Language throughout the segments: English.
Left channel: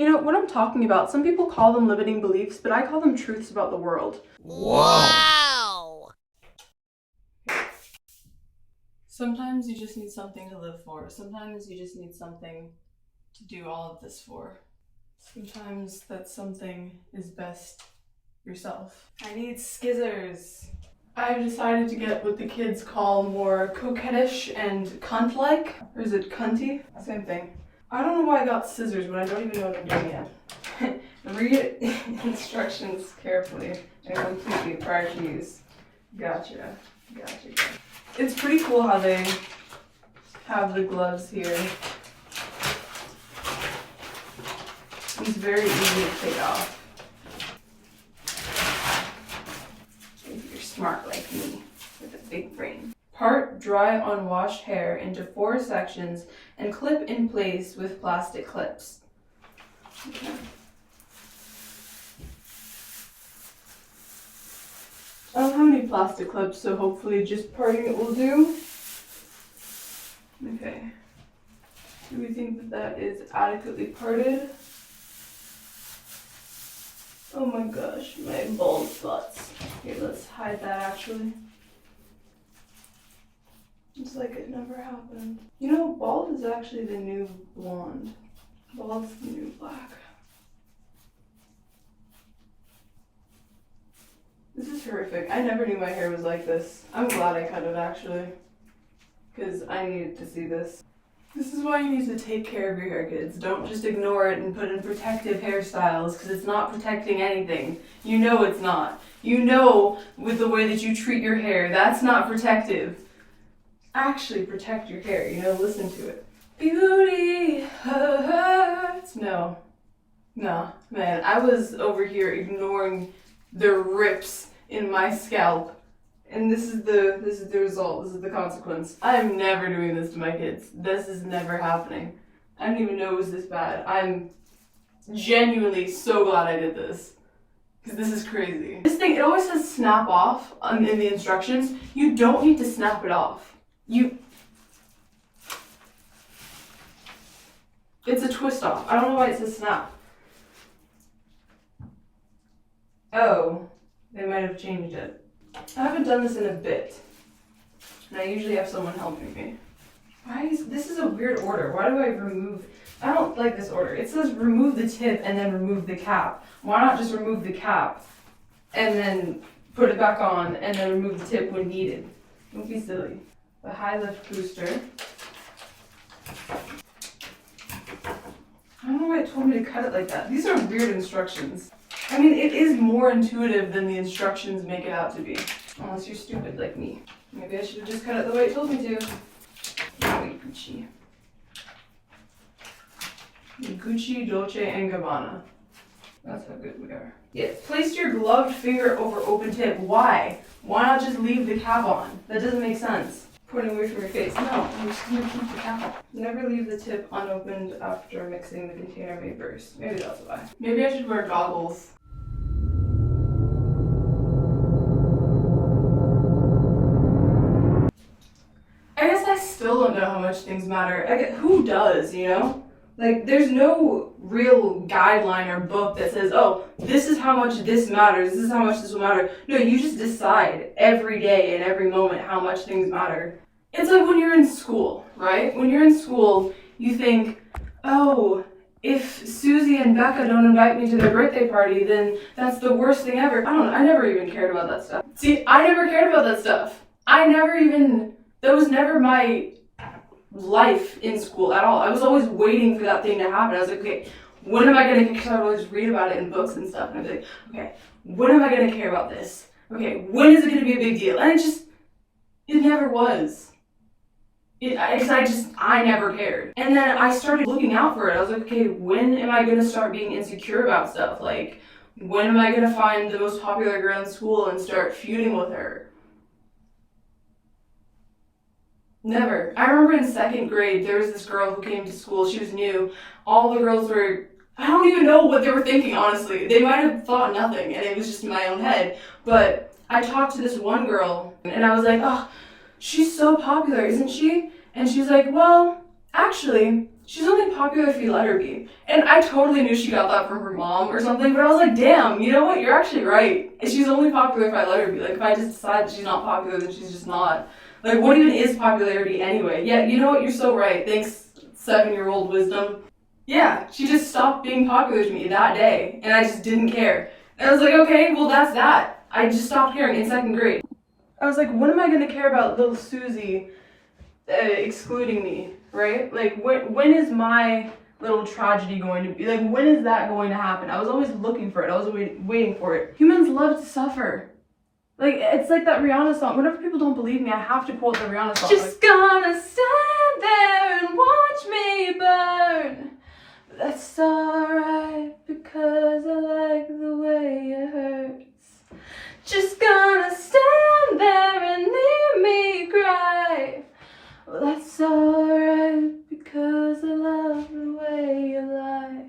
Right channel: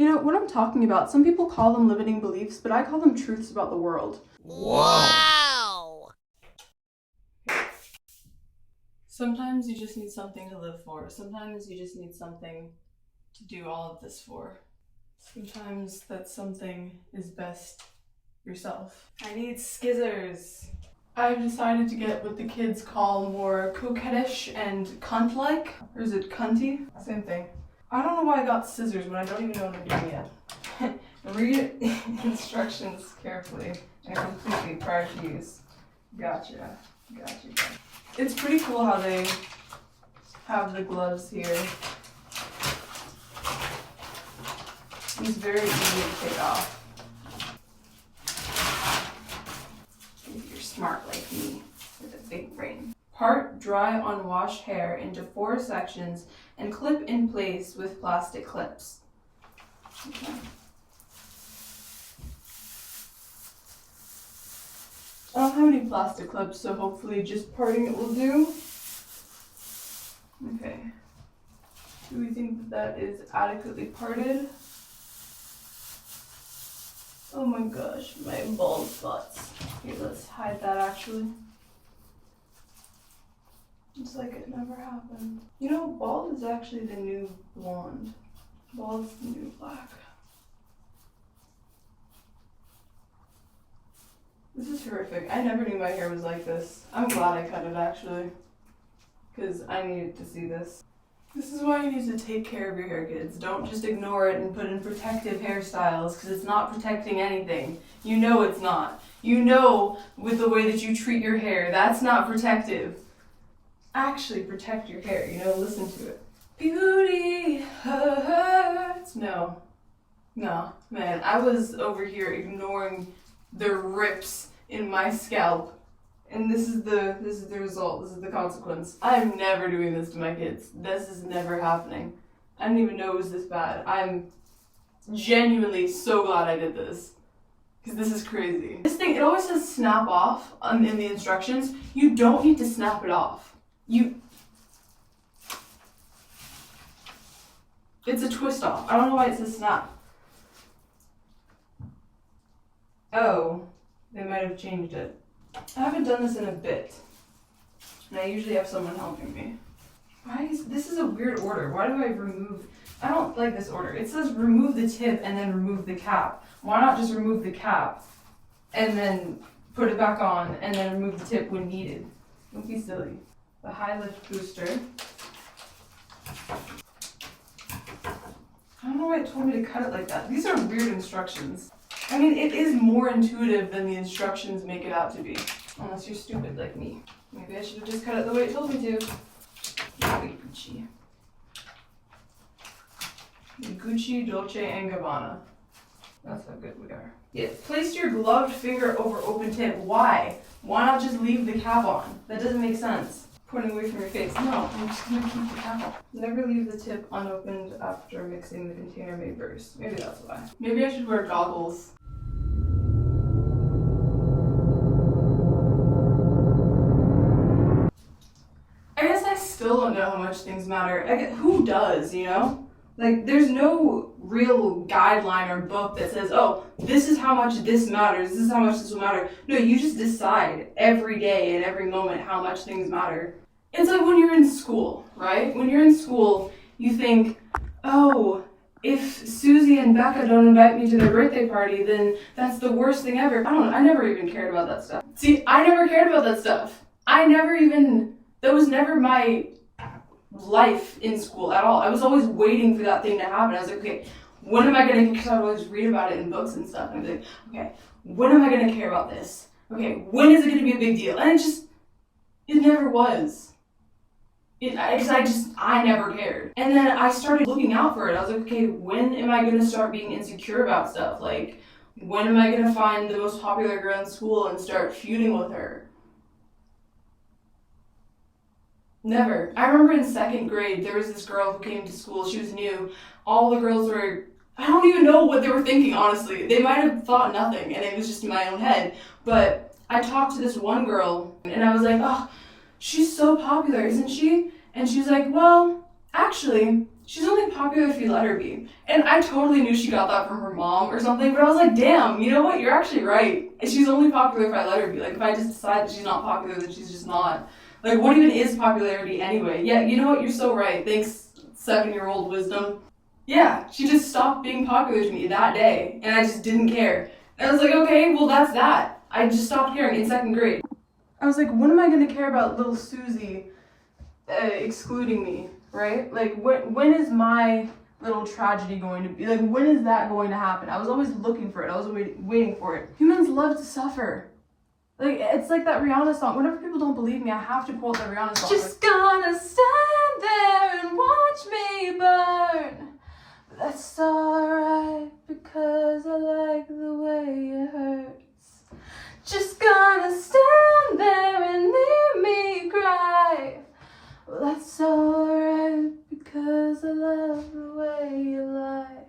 You know, what I'm talking about, some people call them limiting beliefs, but I call them truths about the world. Wow! Sometimes you just need something to live for. Sometimes you just need something to do all of this for. Sometimes that something is best yourself. I need skizzers. I've decided to get what the kids call more coquettish and cunt-like. Or is it cunty? Same thing. I don't know why I got scissors when I don't even know what I'm doing yet. Read instructions carefully and completely prior to use. Gotcha. It's pretty cool how they have the gloves here. It's very easy to take off. If you're smart like me with a big brain. Part dry unwashed hair into 4 sections and clip in place with plastic clips. Okay. I don't have any plastic clips, so hopefully just parting it will do. Okay. Do we think that is adequately parted? Oh my gosh, my bald spots. Here, let's hide that actually. It's like it never happened. You know, bald is actually the new blonde. Bald's the new black. This is horrific. I never knew my hair was like this. I'm glad I cut it actually, because I needed to see this. This is why you need to take care of your hair, kids. Don't just ignore it and put in protective hairstyles, because it's not protecting anything. You know it's not. You know with the way that you treat your hair, that's not protective. Actually protect your hair, you know, listen to it. Beauty hurts. No, man, I was over here ignoring the rips in my scalp. And this is the result, this is the consequence. I am never doing this to my kids. This is never happening. I didn't even know it was this bad. I'm genuinely so glad I did this. Because this is crazy. This thing, it always says snap off in the instructions. You don't need to snap it off. It's a twist off. I don't know why it says snap. Oh, they might have changed it. I haven't done this in a bit, and I usually have someone helping me. This is a weird order. Why do I remove? I don't like this order. It says remove the tip and then remove the cap. Why not just remove the cap and then put it back on and then remove the tip when needed? Don't be silly. The high lift booster. I don't know why it told me to cut it like that. These are weird instructions. I mean, it is more intuitive than the instructions make it out to be. Unless you're stupid like me. Maybe I should have just cut it the way it told me to. Wait, Gucci. Gucci, Dolce & Gabbana. That's how good we are. Yeah, place your gloved finger over open tip. Why? Why not just leave the cap on? That doesn't make sense. Pointing away from your face. No, I'm just gonna keep the cap on. Never leave the tip unopened after mixing. The container may burst. Maybe that's why. Maybe I should wear goggles. I guess I still don't know how much things matter. Who does, you know? Like, there's no real guideline or book that says, oh, this is how much this matters, this is how much this will matter. No, you just decide every day and every moment how much things matter. It's like when you're in school, right? When you're in school, you think, oh, if Susie and Becca don't invite me to their birthday party, then that's the worst thing ever. I don't know, I never even cared about that stuff. See, I never cared about that stuff. That was never my life in school at all. I was always waiting for that thing to happen. I was like, okay, when am I gonna, because I would always read about it in books and stuff, and I'd be like, okay, when am I gonna care about this? Okay, when is it gonna be a big deal? And it never was. I never cared. And then I started looking out for it. I was like, okay, when am I gonna start being insecure about stuff? Like, when am I gonna find the most popular girl in school and start feuding with her? Never. I remember in 2nd grade, there was this girl who came to school. She was new. All the girls were, I don't even know what they were thinking, honestly. They might have thought nothing, and it was just in my own head. But I talked to this one girl, and I was like, oh, she's so popular, isn't she? And she's like, well, actually, She's only popular if you let her be. And I totally knew she got that from her mom or something, but I was like, damn, you know what? You're actually right. She's only popular if I let her be. Like, if I just decide that she's not popular, then she's just not. Like, what even is popularity anyway? Yeah, you know what? You're so right. Thanks, 7-year-old wisdom. Yeah, she just stopped being popular to me that day, and I just didn't care. And I was like, okay, well, that's that. I just stopped caring in 2nd grade. I was like, when am I going to care about little Susie excluding me, right? Like, when is my little tragedy going to be? Like, when is that going to happen? I was always looking for it. I was waiting for it. Humans love to suffer. Like, it's like that Rihanna song. Whenever people don't believe me, I have to quote the Rihanna song. Just gonna stand there and watch me burn. But that's alright, because I like the way it hurts. Just gonna stand there and leave me cry. Well, that's alright, because I love the way you lie.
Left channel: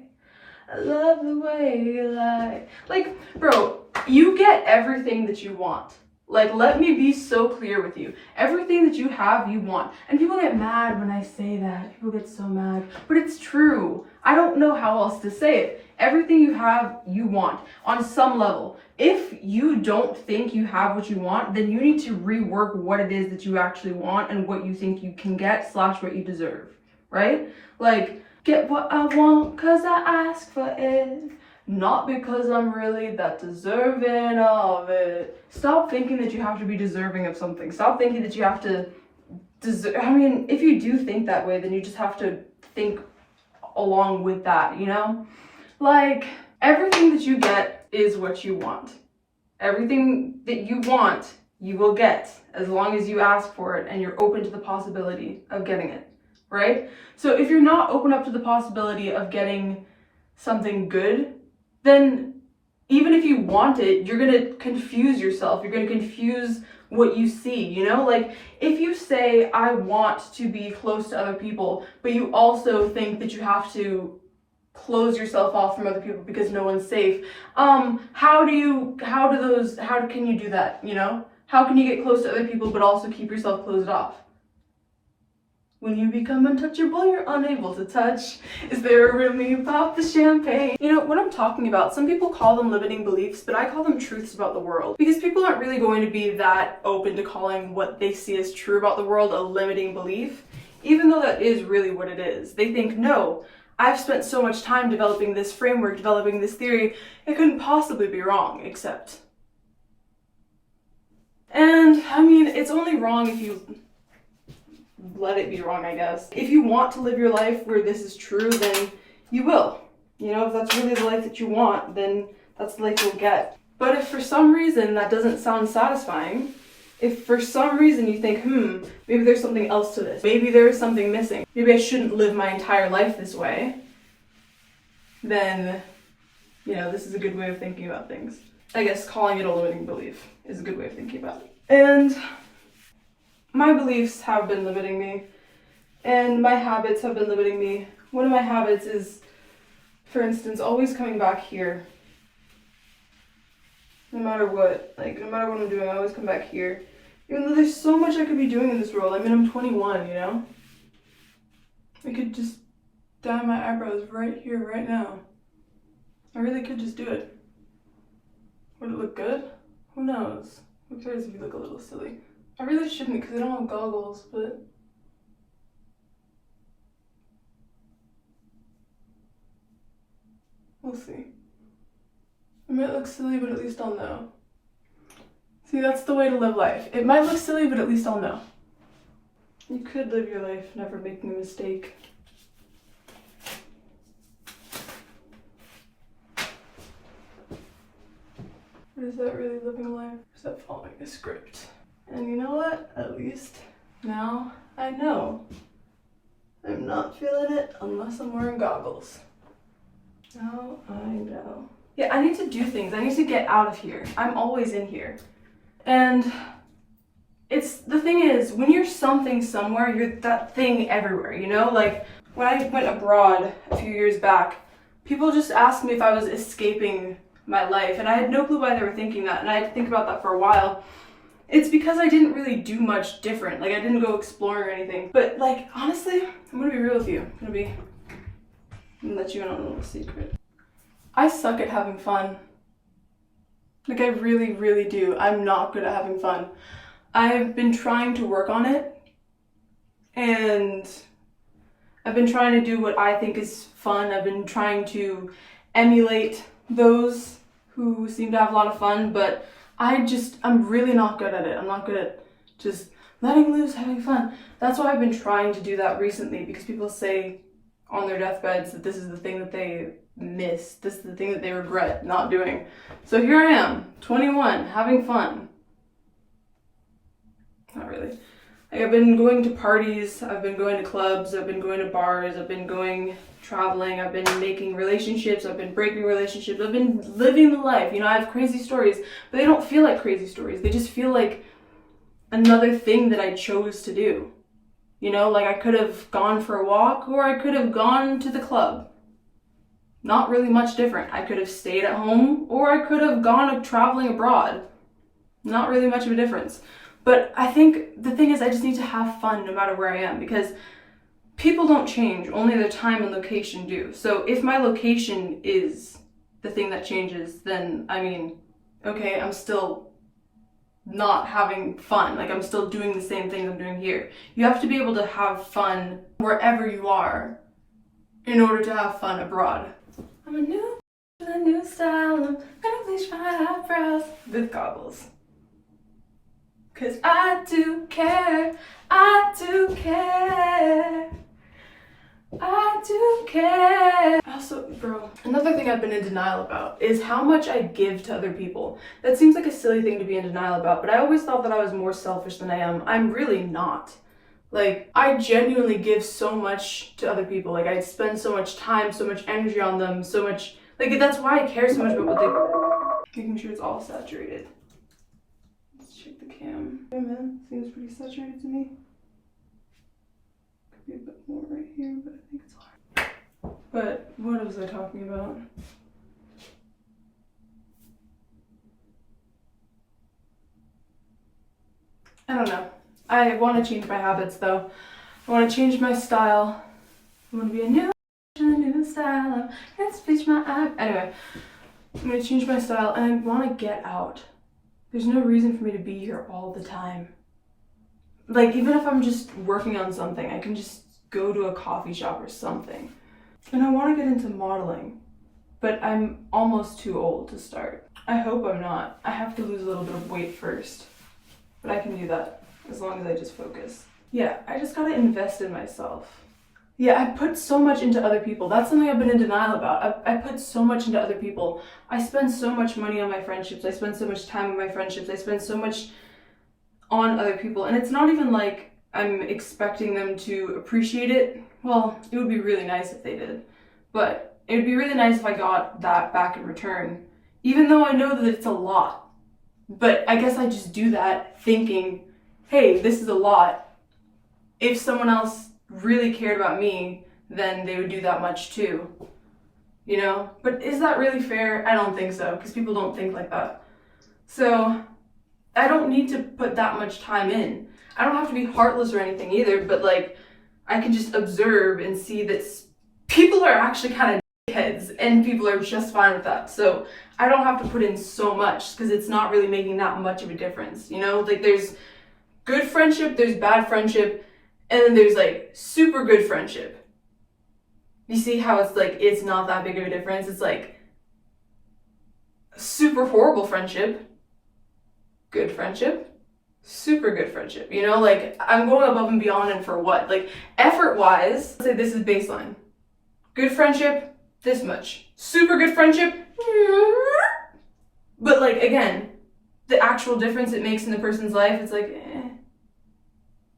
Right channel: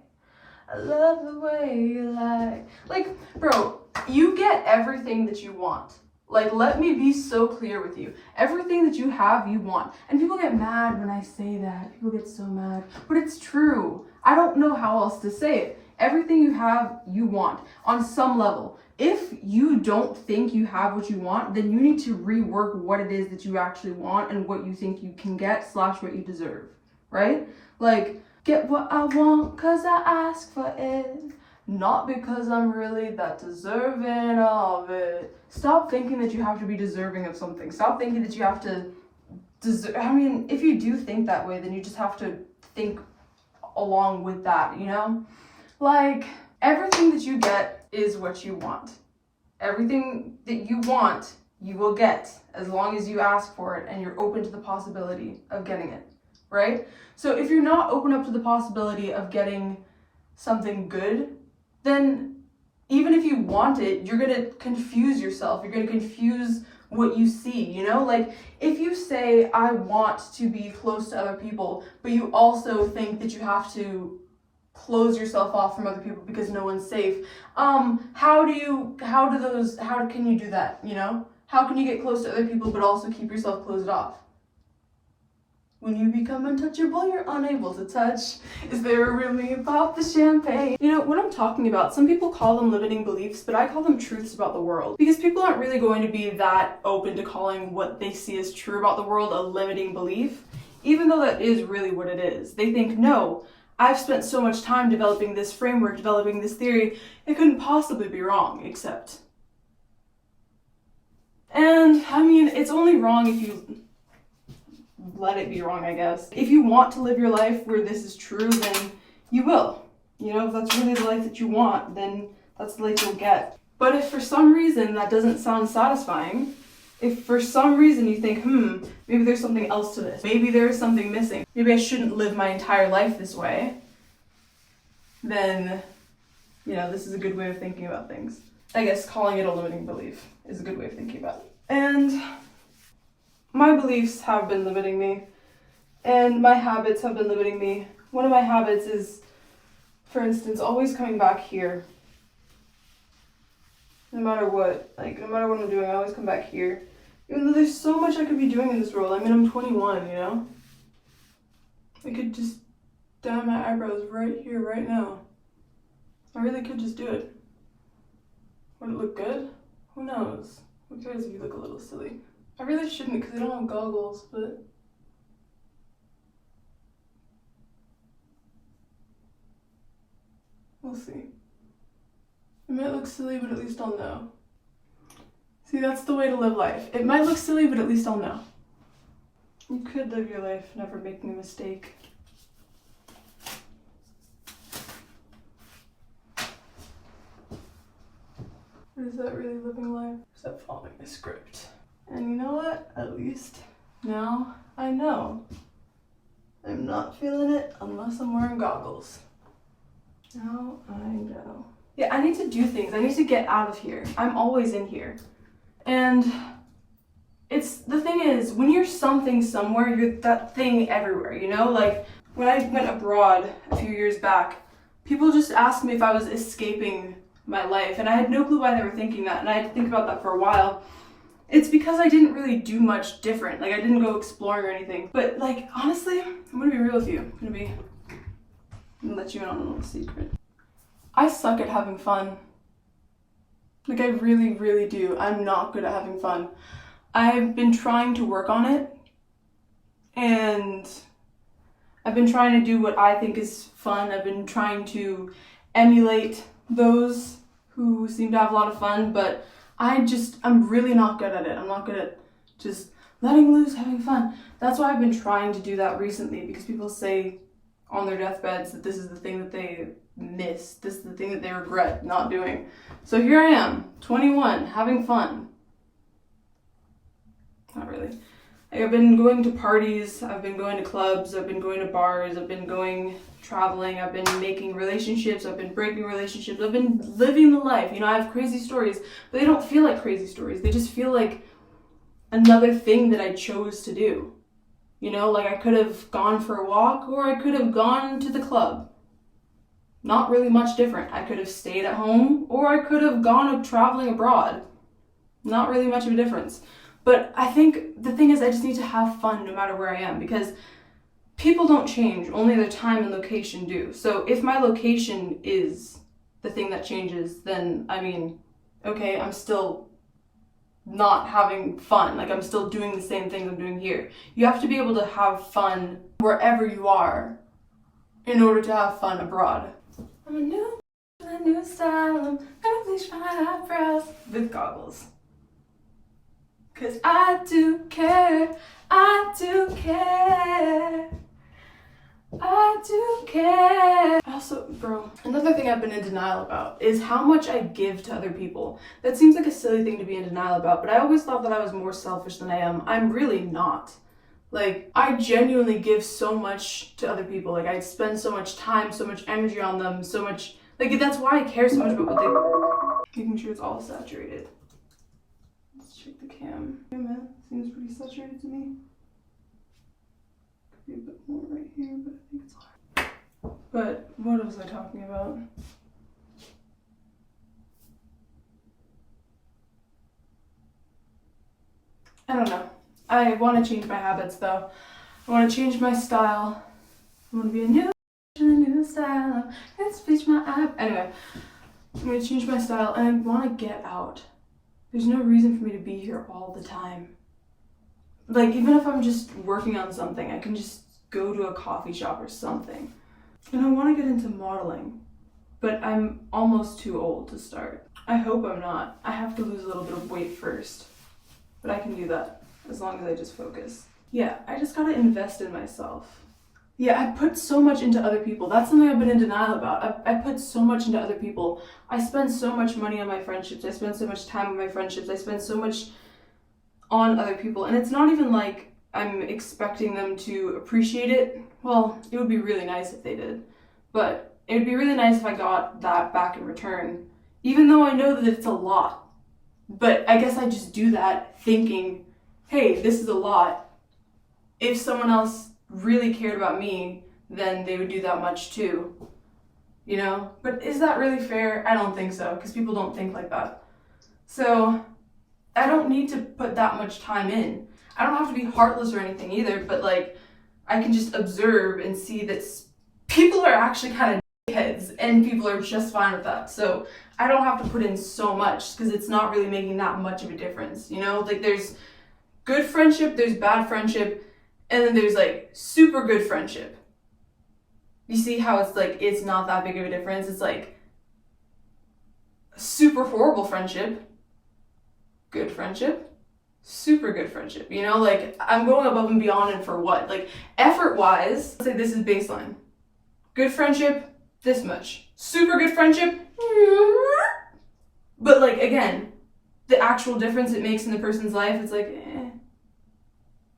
I love the way you lie. Like, bro, you get everything that you want. Like, let me be so clear with you. Everything that you have, you want. And people get mad when I say that. People get so mad. But it's true. I don't know how else to say it. Everything you have, you want. On some level. If you don't think you have what you want, then you need to rework what it is that you actually want and what you think you can get / what you deserve. Right? Like, get what I want cause I ask for it. Not because I'm really that deserving of it. Stop thinking that you have to be deserving of something. Stop thinking that you have to deserve. I mean, if you do think that way, then you just have to think along with that, you know? Like, everything that you get is what you want. Everything that you want, you will get, as long as you ask for it and you're open to the possibility of getting it, right? So if you're not open up to the possibility of getting something good, then even if you want it, you're going to confuse yourself. You're going to confuse what you see, you know? Like, if you say, I want to be close to other people, but you also think that you have to close yourself off from other people because no one's safe, how can you do that, you know? How can you get close to other people but also keep yourself closed off? When you become untouchable, you're unable to touch. Is there a real me about the champagne? You know, what I'm talking about, some people call them limiting beliefs, but I call them truths about the world. Because people aren't really going to be that open to calling what they see as true about the world a limiting belief, even though that is really what it is. They think, no, I've spent so much time developing this framework, developing this theory, it couldn't possibly be wrong, except. And, I mean, it's only wrong if you let it be wrong, I guess. If you want to live your life where this is true, then you will. You know, if that's really the life that you want, then that's the life you'll get. But if for some reason that doesn't sound satisfying, if for some reason you think, maybe there's something else to this, maybe there's something missing, maybe I shouldn't live my entire life this way, then, you know, this is a good way of thinking about things. I guess calling it a limiting belief is a good way of thinking about it. And my beliefs have been limiting me, and my habits have been limiting me. One of my habits is, for instance, always coming back here. No matter what. Like, no matter what I'm doing, I always come back here. Even though there's so much I could be doing in this world. I mean, I'm 21, you know? I could just dye my eyebrows right here, right now. I really could just do it. Would it look good? Who knows? Who cares if you look a little silly? I really shouldn't because I don't have goggles, but we'll see. It might look silly, but at least I'll know. See, that's the way to live life. It might look silly, but at least I'll know. You could live your life never making a mistake. Or is that really living life? Or is that following a script? And you know what? At least now I know. I'm not feeling it unless I'm wearing goggles. Now I know. Yeah, I need to do things. I need to get out of here. I'm always in here. And the thing is, when you're something somewhere, you're that thing everywhere, you know? Like, when I went abroad a few years back, people just asked me if I was escaping my life, and I had no clue why they were thinking that, and I had to think about that for a while. It's because I didn't really do much different. Like, I didn't go exploring or anything. But, like, honestly, I'm gonna be real with you. I'm gonna be and let you in on a little secret. I suck at having fun. Like, I really, really do. I'm not good at having fun. I've been trying to work on it, and I've been trying to do what I think is fun. I've been trying to emulate those who seem to have a lot of fun, but I'm really not good at it. I'm not good at just letting loose, having fun. That's why I've been trying to do that recently, because people say on their deathbeds that this is the thing that they miss. This is the thing that they regret not doing. So here I am, 21, having fun. Not really. Like, I've been going to parties, I've been going to clubs, I've been going to bars, I've been going traveling, I've been making relationships, I've been breaking relationships, I've been living the life. You know, I have crazy stories, but they don't feel like crazy stories. They just feel like another thing that I chose to do. You know, like I could have gone for a walk, or I could have gone to the club. Not really much different. I could have stayed at home, or I could have gone traveling abroad. Not really much of a difference. But I think the thing is, I just need to have fun no matter where I am, because people don't change, only their time and location do. So if my location is the thing that changes, then I mean, okay, I'm still not having fun. Like, I'm still doing the same things I'm doing here. You have to be able to have fun wherever you are in order to have fun abroad. I'm a new with a new style. I'm gonna bleach my eyebrows with goggles. 'Cause I do care, I do care, I do care. Also, bro, another thing I've been in denial about is how much I give to other people. That seems like a silly thing to be in denial about, but I always thought that I was more selfish than I am. I'm really not. Like, I genuinely give so much to other people. Like, I spend so much time, so much energy on them, so much, like, that's why I care so much about what they, making sure it's all saturated. Check the cam. Hey man, seems pretty saturated to me. Could be a bit more right here, but I think it's hard. But what was I talking about? I don't know. I want to change my habits though. I want to change my style. I want to be a new style. Let's bleach my eye. Anyway, I'm going to change my style, and I want to get out. There's no reason for me to be here all the time. Like, even if I'm just working on something, I can just go to a coffee shop or something. And I want to get into modeling, but I'm almost too old to start. I hope I'm not. I have to lose a little bit of weight first, but I can do that as long as I just focus. Yeah, I just gotta invest in myself. Yeah, I put so much into other people. That's something I've been in denial about. I put so much into other people. I spend so much money on my friendships. I spend so much time on my friendships. I spend so much on other people. And it's not even like I'm expecting them to appreciate it. Well, it would be really nice if they did. But it would be really nice if I got that back in return. Even though I know that it's a lot. But I guess I just do that thinking, hey, this is a lot. If someone else really cared about me, then they would do that much too, you know? But is that really fair? I don't think so, because people don't think like that. So I don't need to put that much time in. I don't have to be heartless or anything either, but like, I can just observe and see that people are actually kind of dickheads, and people are just fine with that. So I don't have to put in so much, because it's not really making that much of a difference, you know? Like, there's good friendship, there's bad friendship, and then there's like super good friendship. You see how it's like, it's not that big of a difference. It's like super horrible friendship, good friendship, super good friendship. You know, like, I'm going above and beyond, and for what? Like, effort wise, let's say this is baseline. Good friendship, this much. Super good friendship, but like, again, the actual difference it makes in the person's life, it's like, eh.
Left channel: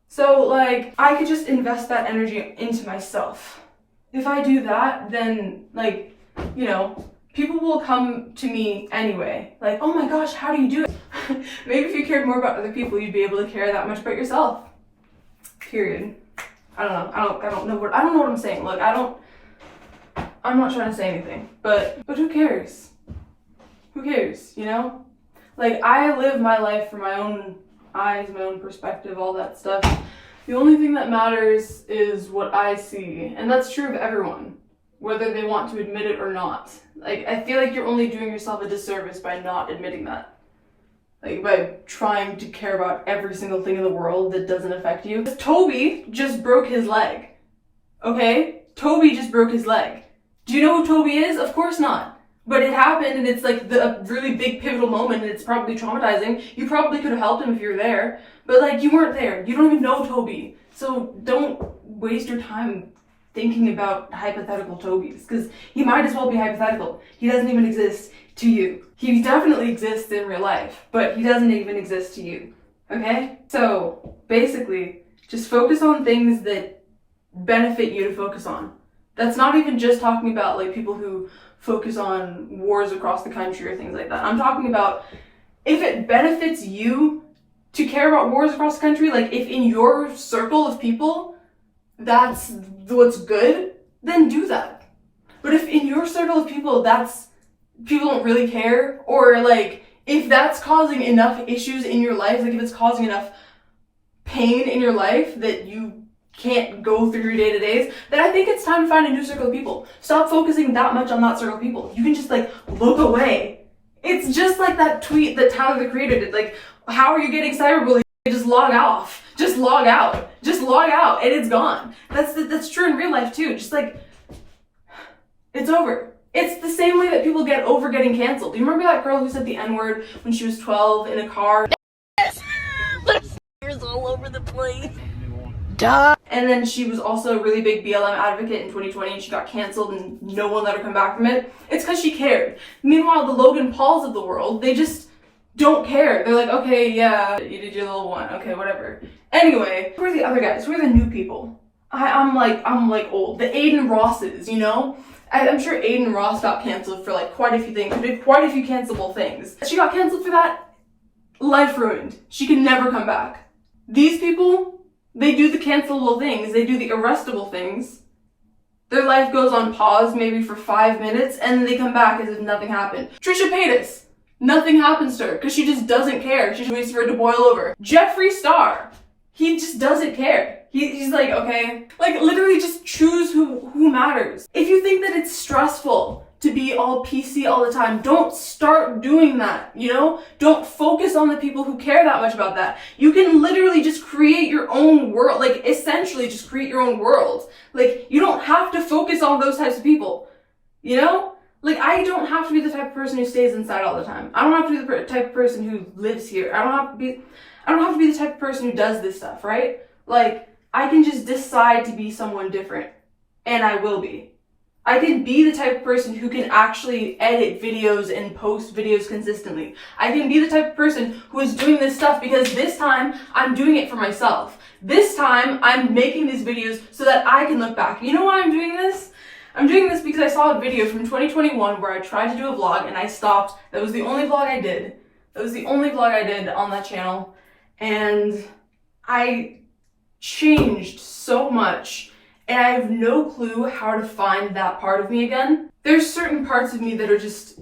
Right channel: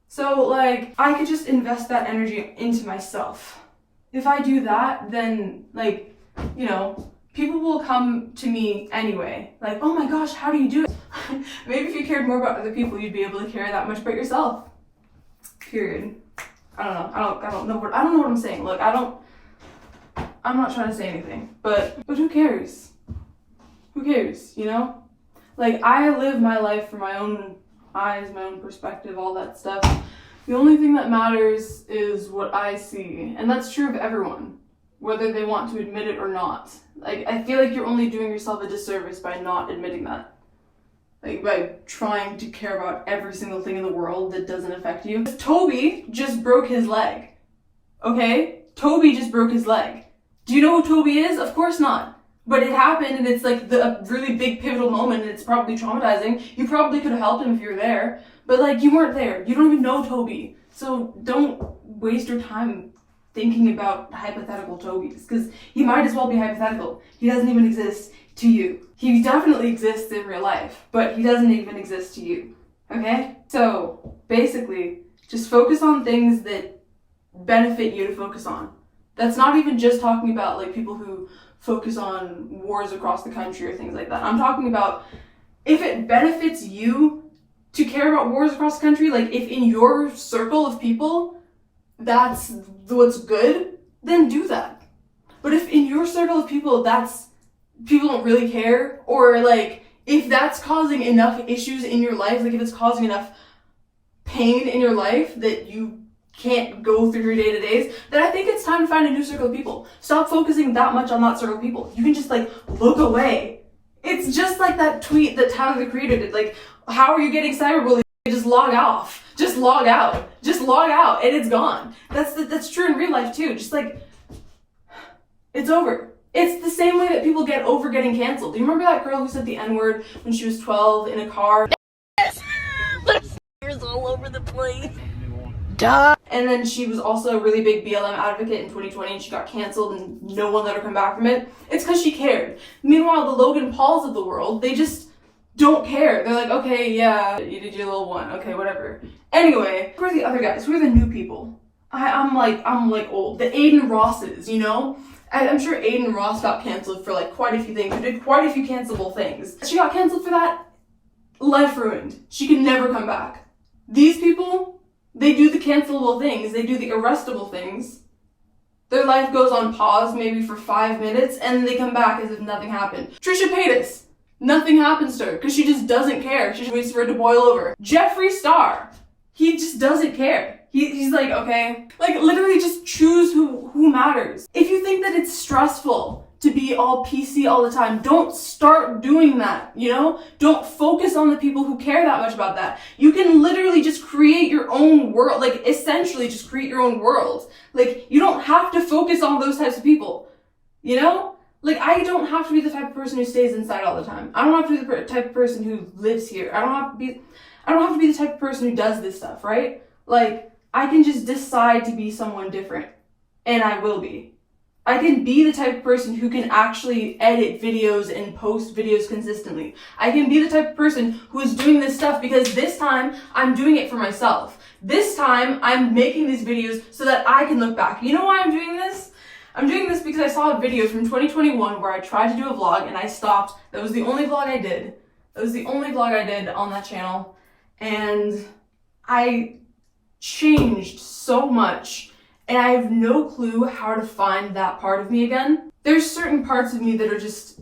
So, like, I could just invest that energy into myself. If I do that, then, like, you know, people will come to me anyway. Like, oh my gosh, how do you do it? Maybe if you cared more about other people, you'd be able to care that much about yourself. Period. I don't know. I don't know what I'm saying. Look, I'm not trying to say anything, but who cares? Who cares, you know? Like, I live my life from my own eyes, my own perspective, all that stuff. The only thing that matters is what I see, and that's true of everyone. whether they want to admit it or not. Like, I feel like you're only doing yourself a disservice by not admitting that. Like, by trying to care about every single thing in the world that doesn't affect you. Toby just broke his leg. Okay? Toby just broke his leg. Do you know who Toby is? Of course not. But it happened, and it's like a really big pivotal moment, and it's probably traumatizing. You probably could have helped him if you were there. But, like, you weren't there. You don't even know Toby. So don't waste your time thinking about hypothetical Tobys, because he might as well be hypothetical. He doesn't even exist to you. He definitely exists in real life, but he doesn't even exist to you, okay? So, basically, just focus on things that benefit you to focus on. That's not even just talking about, like, people who focus on wars across the country or things like that. I'm talking about if it benefits you to care about wars across the country, like, if in your circle of people, that's what's good, then do that. But if in your circle of people, people don't really care, or like, if that's causing enough issues in your life, like if it's causing enough pain in your life that you can't go through your day-to-days, then I think it's time to find a new circle of people. Stop focusing that much on that circle of people. You can just like look away. It's just like that tweet that Tyler the Creator did, like, how are you getting cyberbullied? Just log off. Just log out. Just log out and it's gone. That's true in real life too. Just like, it's over. It's the same way that people get over getting canceled. Do you remember that girl who said the N-word when she was 12 in a car? There's all over the place. Duh. And then she was also a really big BLM advocate in 2020 and she got canceled and no one let her come back from it. It's because she cared. Meanwhile, the Logan Pauls of the world, they just don't care. They're like, okay, yeah, you did your little one. Okay, whatever. Anyway, who are the other guys? Who are the new people? I'm like old. The Aiden Rosses, you know? I'm sure Aiden Ross got canceled for like quite a few things. She did quite a few cancelable things. She got canceled for that. Life ruined. She can never come back. These people, they do the cancelable things. They do the arrestable things. Their life goes on pause maybe for 5 minutes and then they come back as if nothing happened. Trisha Paytas. Nothing happens to her because she just doesn't care. She just waits for it to boil over. Jeffree Star. He just doesn't care. He's like, okay. Like, literally just choose who matters. If you think that it's stressful to be all PC all the time, don't start doing that, you know? Don't focus on the people who care that much about that. You can literally just create your own world. Like, essentially just create your own world. Like, you don't have to focus on those types of people, you know? Like, I don't have to be the type of person who stays inside all the time. I don't have to be the type of person who lives here. I don't have to be the type of person who does this stuff, right? Like, I can just decide to be someone different. And I will be. I can be the type of person who can actually edit videos and post videos consistently. I can be the type of person who is doing this stuff because this time I'm doing it for myself. This time I'm making these videos so that I can look back. You know why I'm doing this? I'm doing this because I saw a video from 2021 where I tried to do a vlog and I stopped. That was the only vlog I did. That was the only vlog I did on that channel. And I changed so much and I have no clue how to find that part of me again. There's certain parts of me that are just,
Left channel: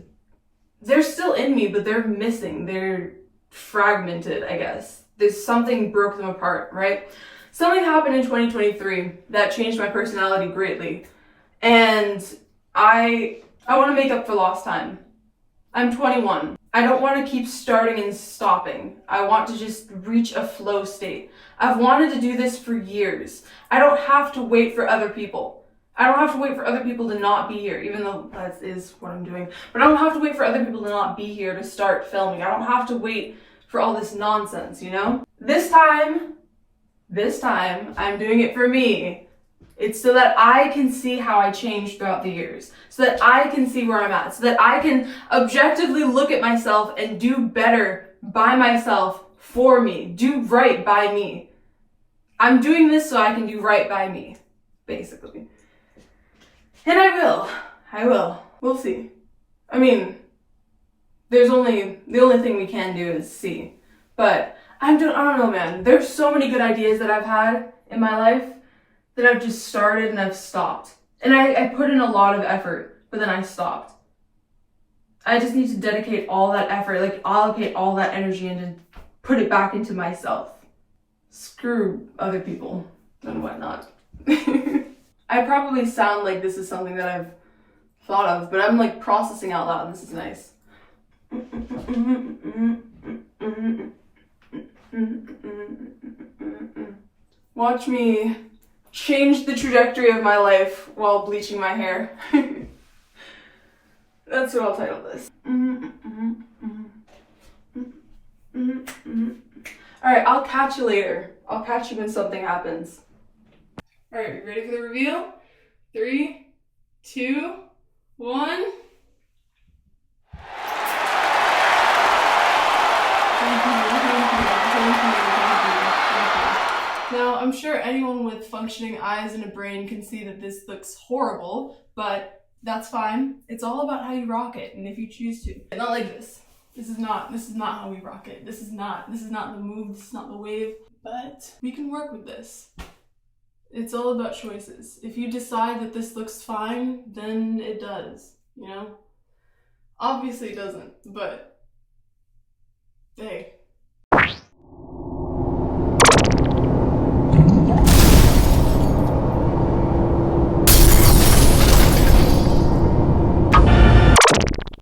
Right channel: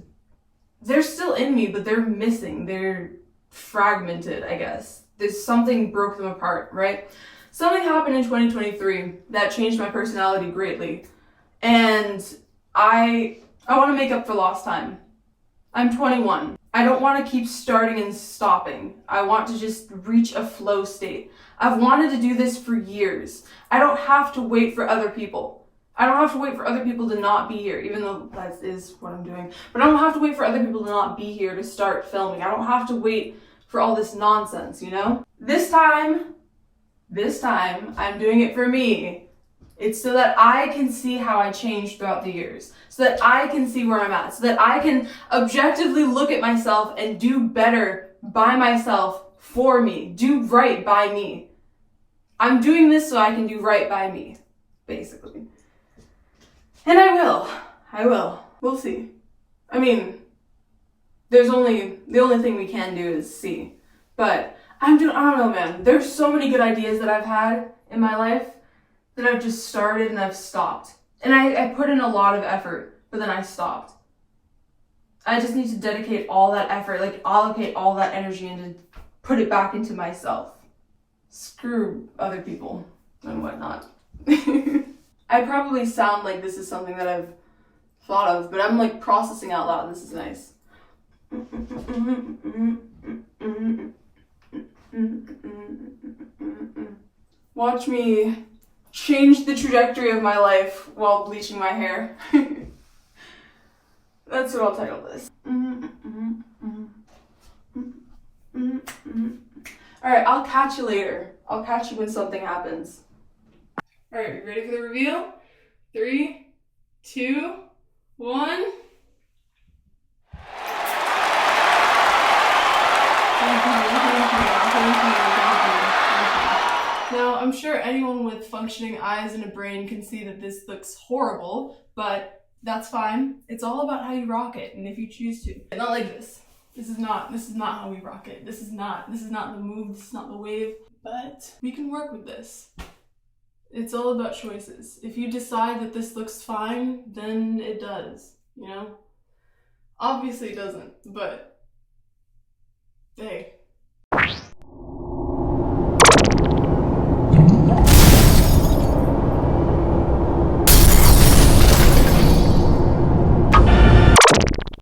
they're still in me, but they're missing. They're fragmented, I guess. There's something broke them apart, right? Something happened in 2023 that changed my personality greatly. And I want to make up for lost time. I'm 21. I don't want to keep starting and stopping. I want to just reach a flow state. I've wanted to do this for years. I don't have to wait for other people. I don't have to wait for other people to not be here, even though that is what I'm doing. But I don't have to wait for other people to not be here to start filming. I don't have to wait for all this nonsense, you know? This time, I'm doing it for me. It's so that I can see how I changed throughout the years. So that I can see where I'm at. So that I can objectively look at myself and do better by myself for me. Do right by me. I'm doing this so I can do right by me, basically. And I will. We'll see. I mean, the only thing we can do is see. But I don't know, man. There's so many good ideas that I've had in my life that I've just started and I've stopped. And I put in a lot of effort, but then I stopped. I just need to dedicate all that effort, like allocate all that energy and to put it back into myself. Screw other people and whatnot. I probably sound like this is something that I've thought of, but I'm like processing out loud and this is nice. Watch me change the trajectory of my life while bleaching my hair. That's what I'll title this. Alright, I'll catch you later. I'll catch you when something happens. Alright, you ready for the reveal? 3, 2, 1. Now, I'm sure anyone with functioning eyes and a brain can see that this looks horrible, but that's fine. It's all about how you rock it, and if you choose to. Not like this. This is not how we rock it. This is not the move, this is not the wave, but we can work with this. It's all about choices. If you decide that this looks fine, then it does, you know? Obviously it doesn't, but hey.